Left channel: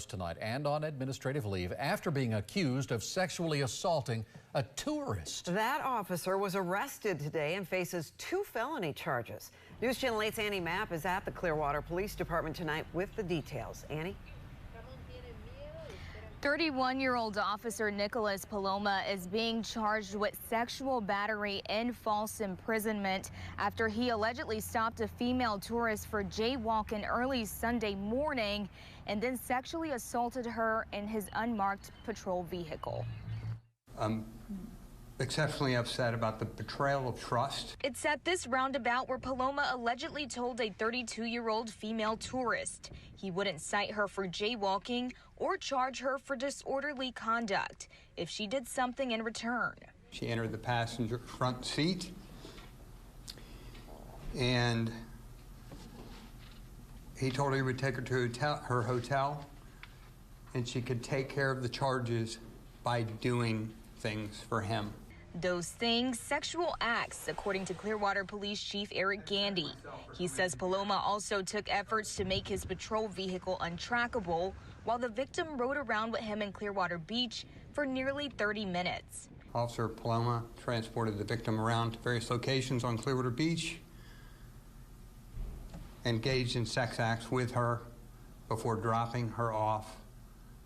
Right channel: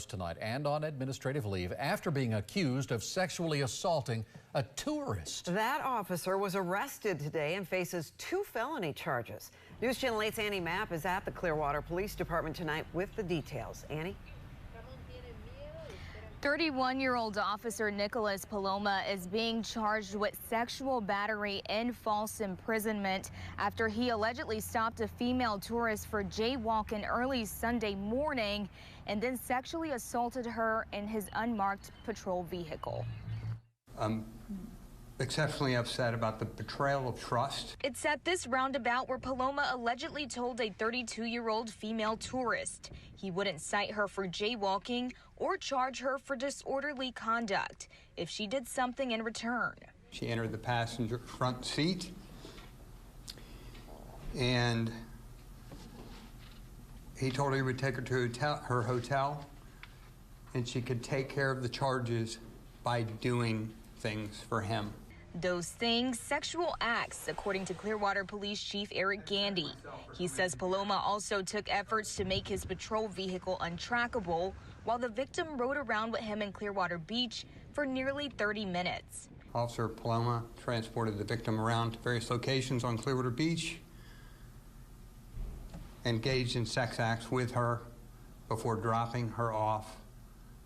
bars tonight and on administrative leave after being accused of sexually assaulting a tourist. That officer was arrested today and faces 2 felony charges. News Channel 8's Annie Mapp is at the Clearwater Police Department tonight with the details. Annie? 31-year-old Officer Nicholas Paloma is being charged with sexual battery and false imprisonment after he allegedly stopped a female tourist for jaywalking early Sunday morning and then sexually assaulted her in his unmarked patrol vehicle. I'm exceptionally upset about the betrayal of trust. It's at this roundabout where Paloma allegedly told a 32-year-old female tourist he wouldn't cite her for jaywalking or charge her for disorderly conduct if she did something in return. She entered the passenger front seat and he told her he would take her to her hotel and she could take care of the charges by doing things for him. Those things, sexual acts, according to Clearwater Police Chief Eric Gandy. He says Paloma also took efforts to make his patrol vehicle untrackable while the victim rode around with him in Clearwater Beach for nearly 30 minutes. Officer Paloma transported the victim around to various locations on Clearwater Beach, engaged in sex acts with her before dropping her off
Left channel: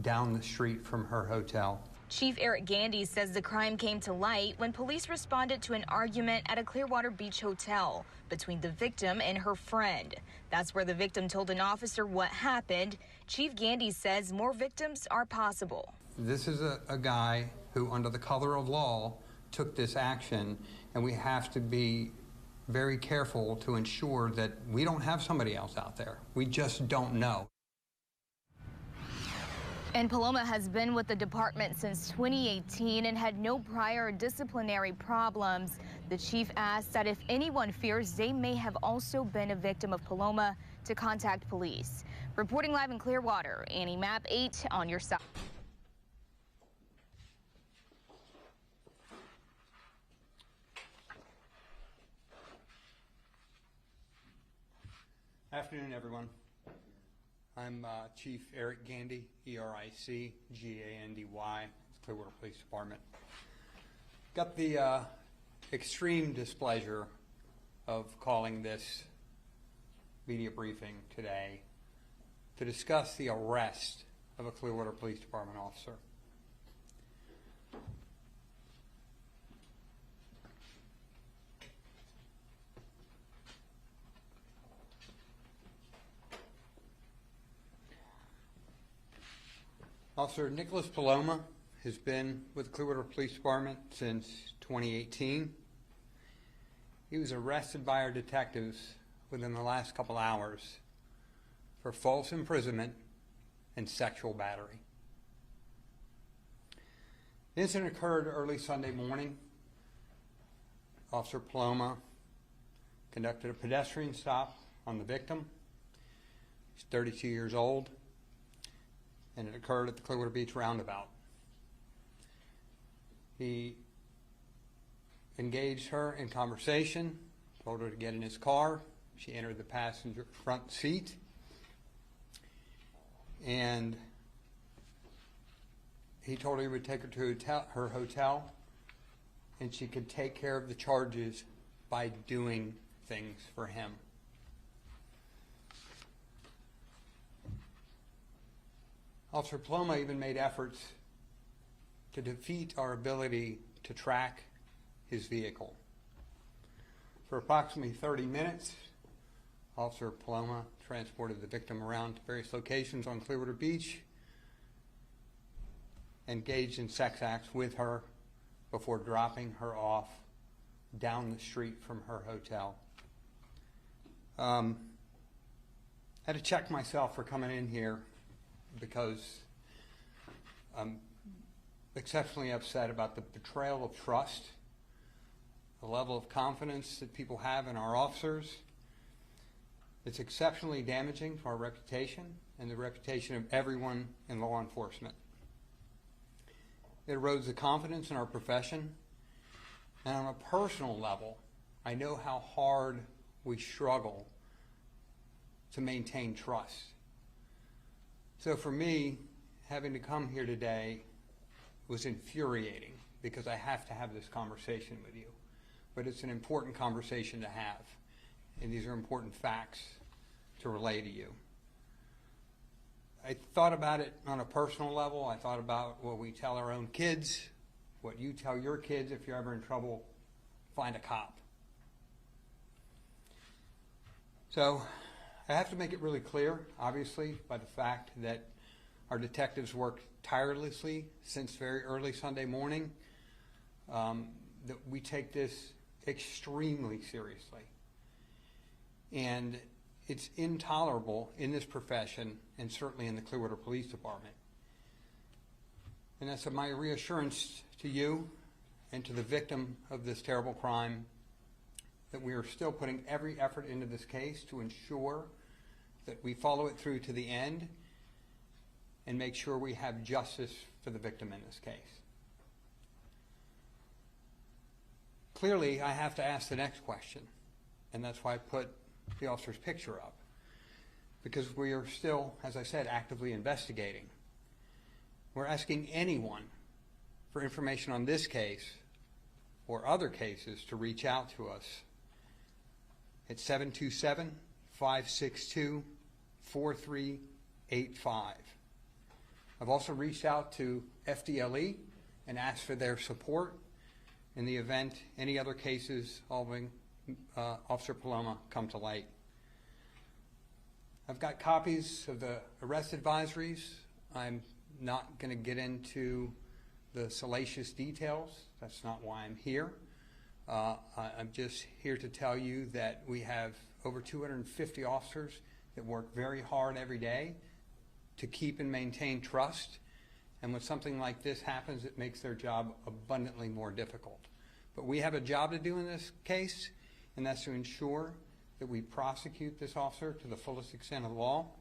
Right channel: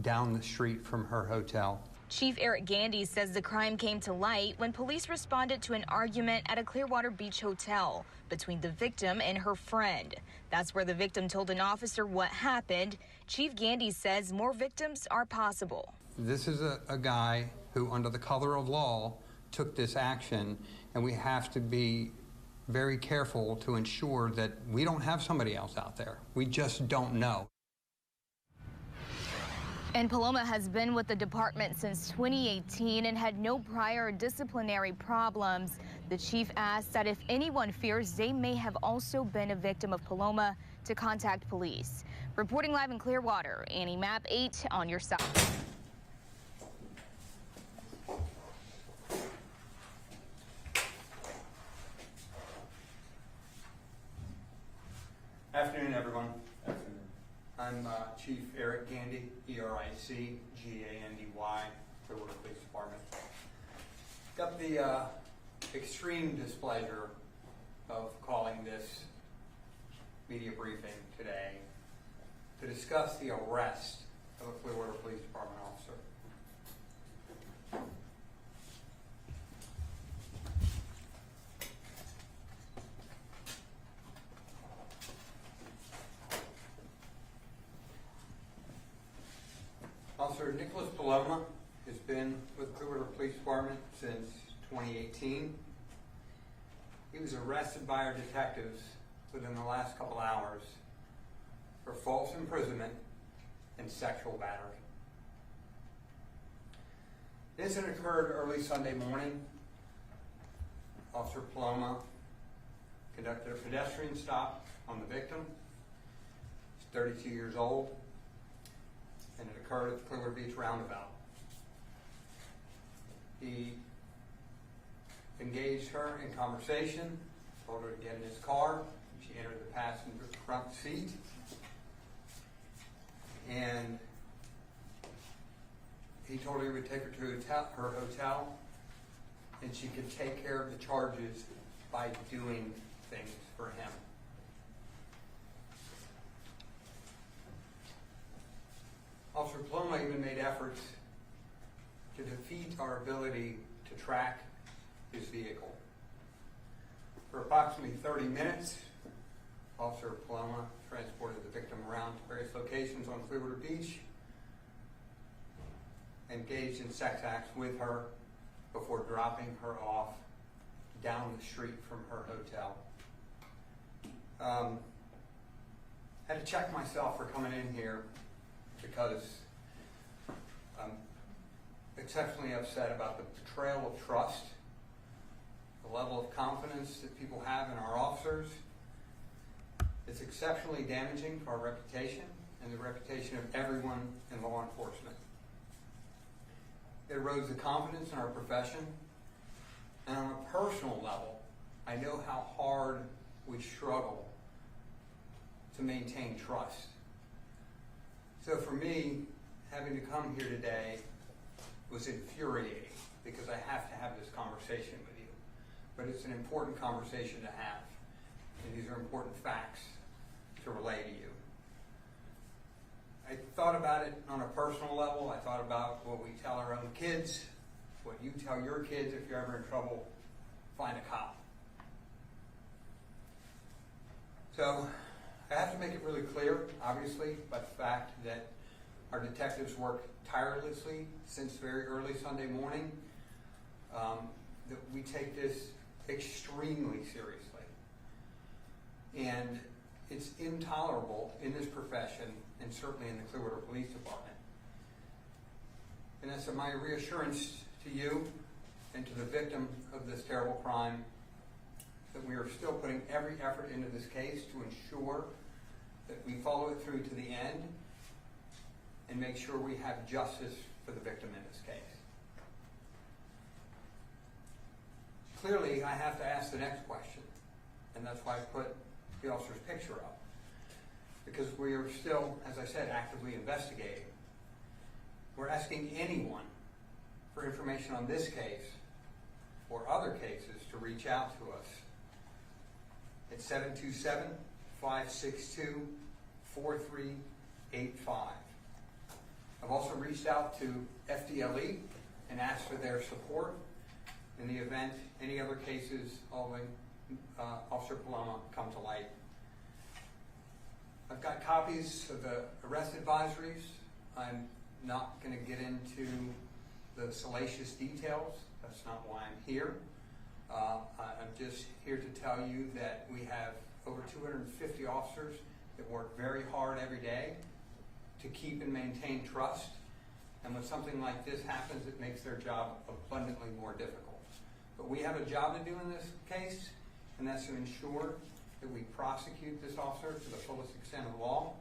down the street from her hotel. Chief Eric Gandy says the crime came to light when police responded to an argument at a Clearwater Beach hotel between the victim and her friend. That's where the victim told an officer what happened. Chief Gandy says more victims are possible. This is a guy who, under the color of law, took this action, and we have to be very careful to ensure that we don't have somebody else out there. We just don't know. And Paloma has been with the department since 2018 and had no prior disciplinary problems. The chief asked that if anyone fears they may have also been a victim of Paloma, to contact police. Reporting live in Clearwater, Annie Mapp, 8 on your side. Afternoon, everyone. I'm Chief Eric Gandy, E-R-I-C-G-A-N-D-Y, Clearwater Police Department. Got the extreme displeasure of calling this media briefing today to discuss the arrest of a Clearwater Police Department officer. Officer Nicholas Paloma has been with the Clearwater Police Department since 2018. He was arrested by our detectives within the last couple hours for false imprisonment and sexual battery. The incident occurred early Sunday morning. Officer Paloma conducted a pedestrian stop on the victim. He's 32 years old. And it occurred at the Clearwater Beach roundabout. He engaged her in conversation, told her to get in his car. She entered the passenger front seat, and he told her he would take her to her hotel and she could take care of the charges by doing things for him. Officer Paloma even made efforts to defeat our ability to track his vehicle. For approximately 30 minutes, Officer Paloma transported the victim around to various locations on Clearwater Beach, engaged in sex acts with her before dropping her off down the street from her hotel. Had to check myself for coming in here because I'm exceptionally upset about the betrayal of trust, the level of confidence that people have in our officers. It's exceptionally damaging to our reputation and the reputation of everyone in law enforcement. It erodes the confidence in our profession, and on a personal level, I know how hard we struggle to maintain trust. So for me, having to come here today was infuriating because I have to have this conversation with you. But it's an important conversation to have. And these are important facts to relay to you. I thought about it on a personal level. I thought about what we tell our own kids, what you tell your kids if you're ever in trouble, find a cop. So I have to make it really clear, obviously, by the fact that our detectives worked tirelessly since very early Sunday morning, that we take this extremely seriously. And it's intolerable in this profession and certainly in the Clearwater Police Department. And that's my reassurance to you and to the victim of this terrible crime that we are still putting every effort into this case to ensure that we follow it through to the end and make sure we have justice for the victim in this case. Clearly, I have to ask the next question, and that's why I put the officer's picture up. Because we are still, as I said, actively investigating. We're asking anyone for information on this case or other cases to reach out to us at 727-562-4385. I've also reached out to FDLE and asked for their support in the event any other cases involving Officer Paloma come to light. I've got copies of the arrest advisories. I'm not going to get into the salacious details. That's not why I'm here. I'm just here to tell you that we have over 250 officers that work very hard every day to keep and maintain trust. And when something like this happens, it makes their job abundantly more difficult. But we have a job to do in this case, and that's to ensure that we prosecute this officer to the fullest extent of the law,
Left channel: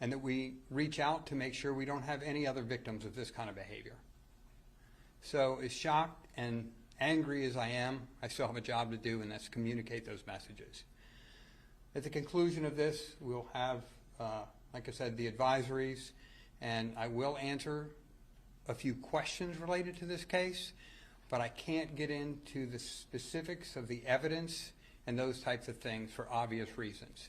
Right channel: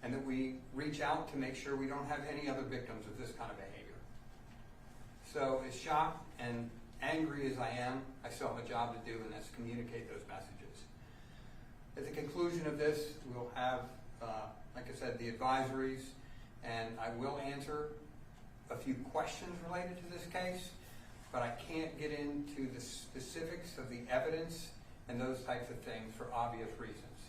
and that we reach out to make sure we don't have any other victims of this kind of behavior. So as shocked and angry as I am, I still have a job to do, and that's communicate those messages. At the conclusion of this, we'll have, like I said, the advisories, and I will answer a few questions related to this case, but I can't get into the specifics of the evidence and those types of things for obvious reasons.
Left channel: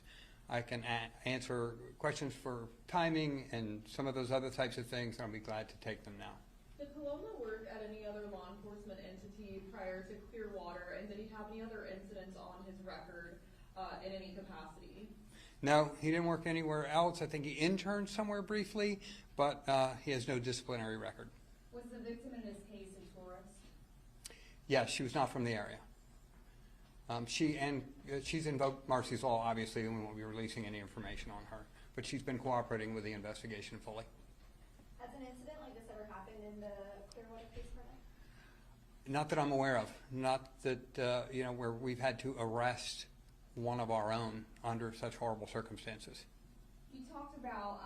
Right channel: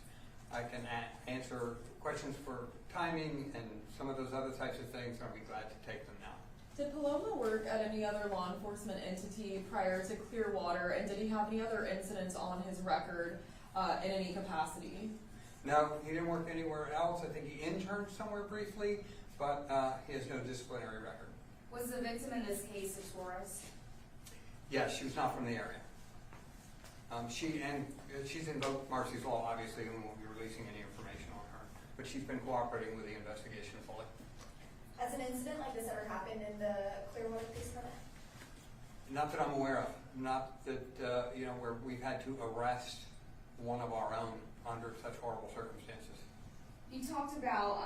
I can answer questions for timing and some of those other types of things, and I'll be glad to take them now. Did Paloma work at any other law enforcement entity prior to Clearwater, and did he have any other incidents on his record in any capacity? No, he didn't work anywhere else. I think he interned somewhere briefly, but he has no disciplinary record. Was the victim in this case a tourist? Yes, she was not from the area. She's invoked Marcy's law, obviously, and we won't be releasing any information on her. But she's been cooperating with the investigation fully. Has an incident like this ever happened in the Clearwater Police Department? Not that I'm aware of. Not that, where we've had to arrest one of our own under such horrible circumstances. You talked about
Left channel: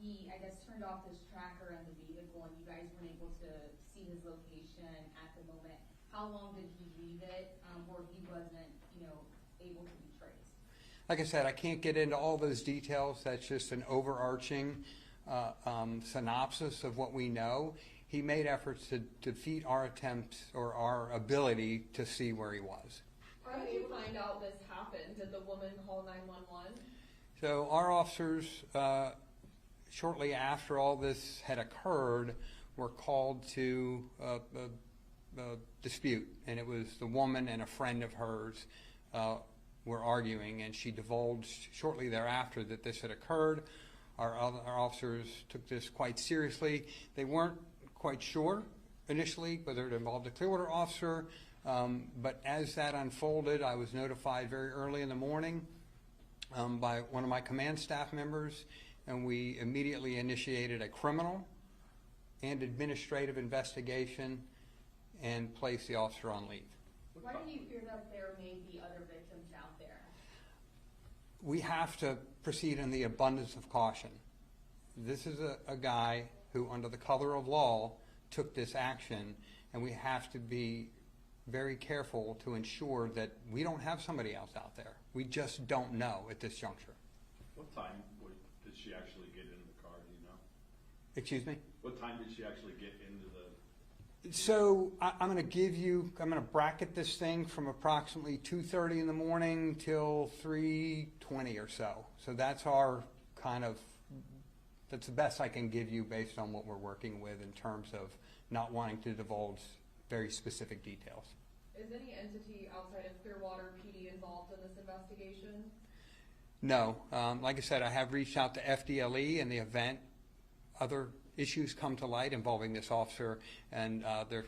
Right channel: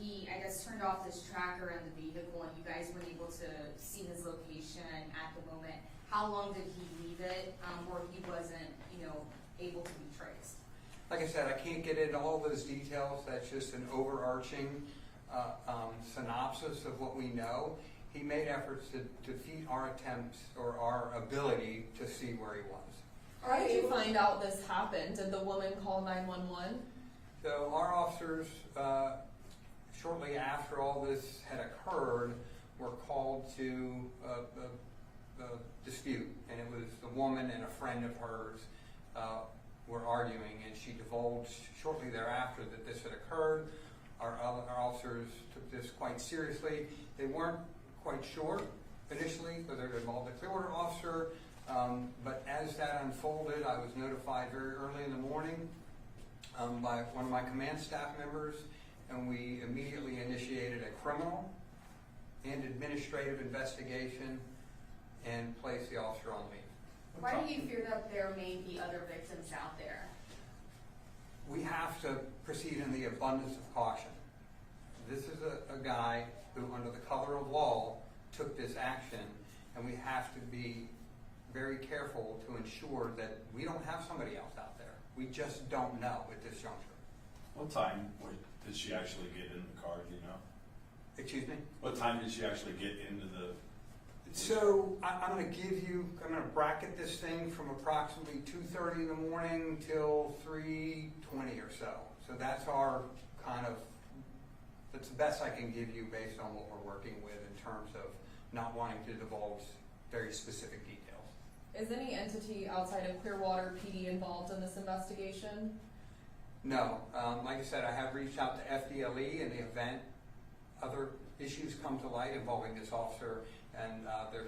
he, I guess, turned off this tracker in the vehicle, and you guys weren't able to see his location at the moment. How long did he leave it where he wasn't, able to be traced? Like I said, I can't get into all those details. That's just an overarching synopsis of what we know. He made efforts to defeat our attempts or our ability to see where he was. How did you find out this happened? Did the woman call 911? So our officers, shortly after all this had occurred, were called to a dispute, and it was the woman and a friend of hers were arguing, and she divulged shortly thereafter that this had occurred. Our officers took this quite seriously. They weren't quite sure initially whether it involved a Clearwater officer, but as that unfolded, I was notified very early in the morning by one of my command staff members, and we immediately initiated a criminal and administrative investigation and placed the officer on leave. Why do you fear that there may be other victims out there? We have to proceed in the abundance of caution. This is a guy who, under the color of law, took this action, and we have to be very careful to ensure that we don't have somebody else out there. We just don't know at this juncture. What time Did she actually get in the car, do you know? Excuse me? What time did she actually get into the? So I'm going to bracket this thing from approximately 2:30 in the morning till 3:20 or so. So that's that's the best I can give you based on what we're working with in terms of not wanting to divulge very specific details. Is any entity outside of Clearwater PD involved in this investigation? No. Like I said, I have reached out to FDLE in the event other issues come to light involving this officer, and they're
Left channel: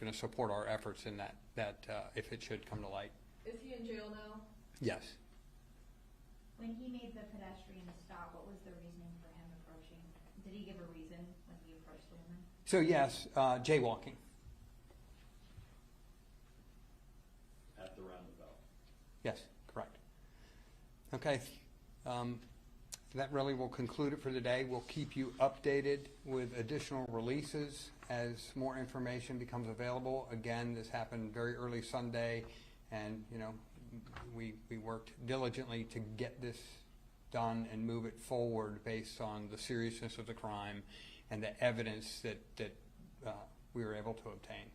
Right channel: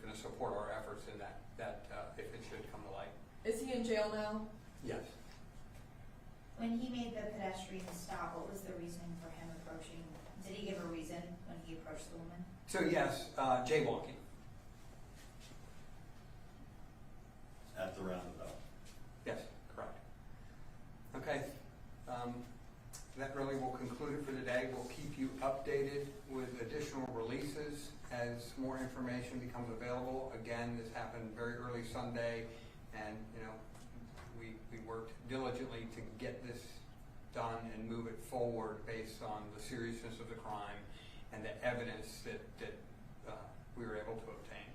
going to support our efforts in that if it should come to light. Is he in jail now? Yes. When he made the pedestrian stop, what was the reasoning for him approaching? Did he give a reason when he approached the woman? So yes, jaywalking. At the roundabout. Yes, correct. Okay. That really will conclude it for today. We'll keep you updated with additional releases as more information becomes available. Again, this happened very early Sunday, and we worked diligently to get this done and move it forward based on the seriousness of the crime and the evidence that we were able to obtain.